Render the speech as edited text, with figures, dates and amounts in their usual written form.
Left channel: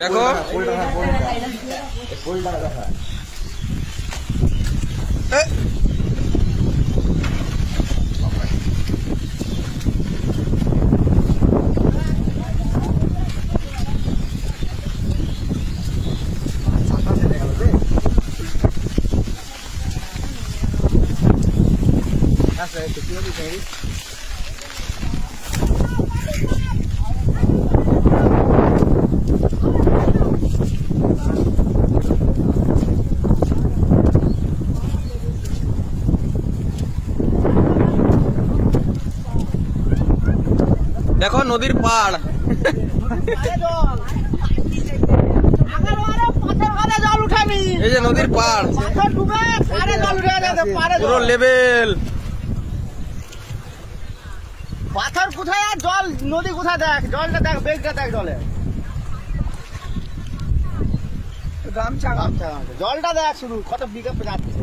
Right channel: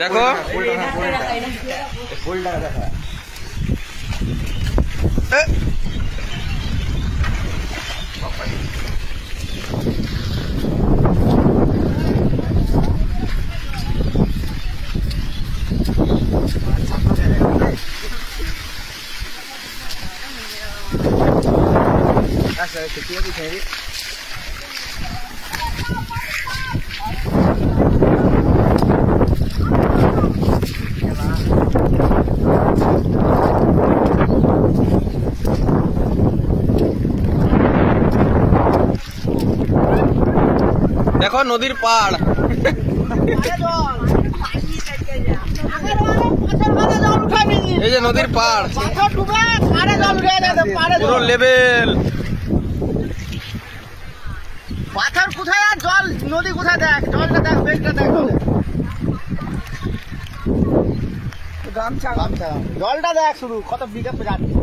দেখো দেখো নদীর পাড় এই যে নদীর পাড় পুরো লেভেল পাথর কোথায় আর জল নদী কোথায় দেখ জলটা দেখ বেলটা দেখ জলটা দেখ শুধু কত বিজে যাচ্ছে।